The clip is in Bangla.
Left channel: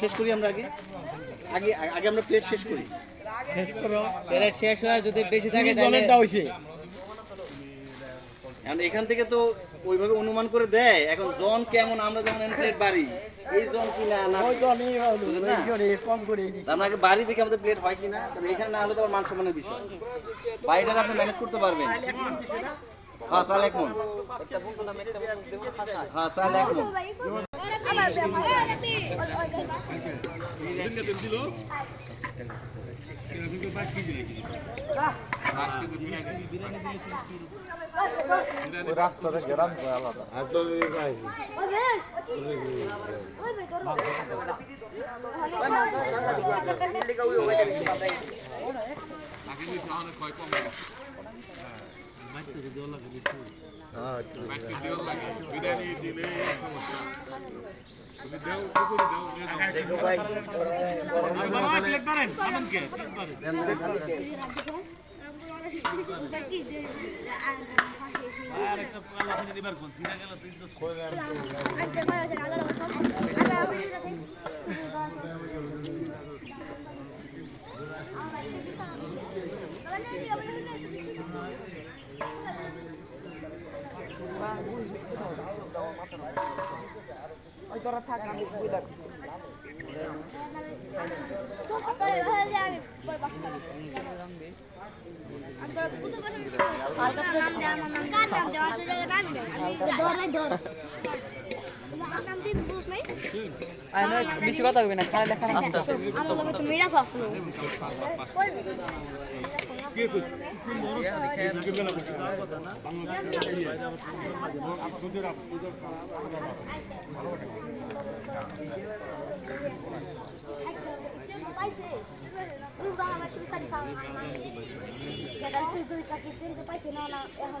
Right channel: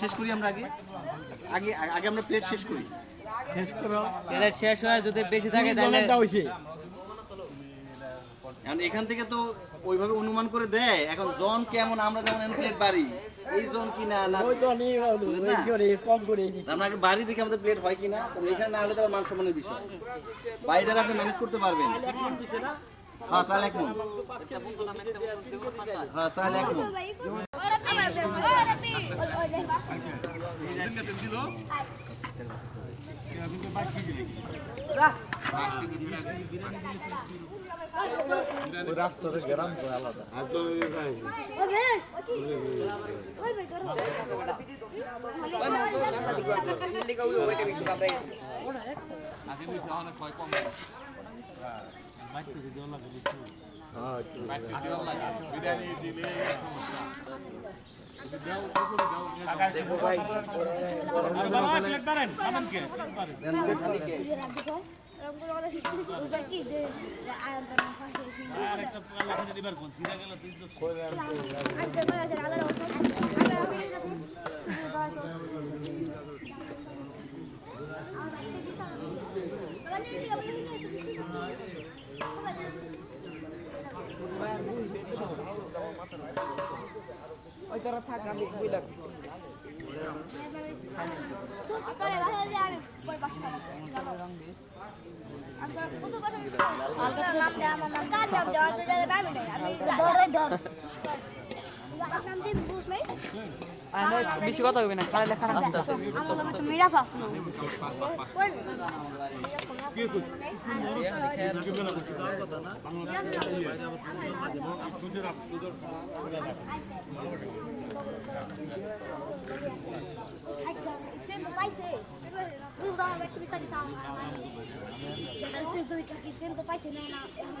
শেষ করি আমরা আগে আগে আগে আমরা প্লেট শেষ করি। শেষ করো, প্লেট শেষ হয় যদি বেশি থাকে তাহলে জলেরটা হইছে। এখান থেকে তো ওইভাবে অনুমান করে দেয়। এখন জন কেমন, আমরা যেমন প্লেট বাড়ি এই জন কিনা না ওই তো নেই হলো, এই করে কম করে দিছি। আমরা আগে বাড়ি থেকে আমাদের প্লেট হয় কিনা, তবে এখানে না হলে তো মান সম্মানের বিষয়। বাড়িটা আপনি ম্যানেজ করতে পারবেন। হ্যাঁ চাল এখন, হ্যাঁ চাল এখন রাস্তাতে গ্রাম আলাদা। দেখো ভাই ওই তোরা থাক আমি বুঝলাম বেশি কথা হবে না, খালি লেখা আস্তে আস্তে তুই কবি কাকি পাইছি না এখন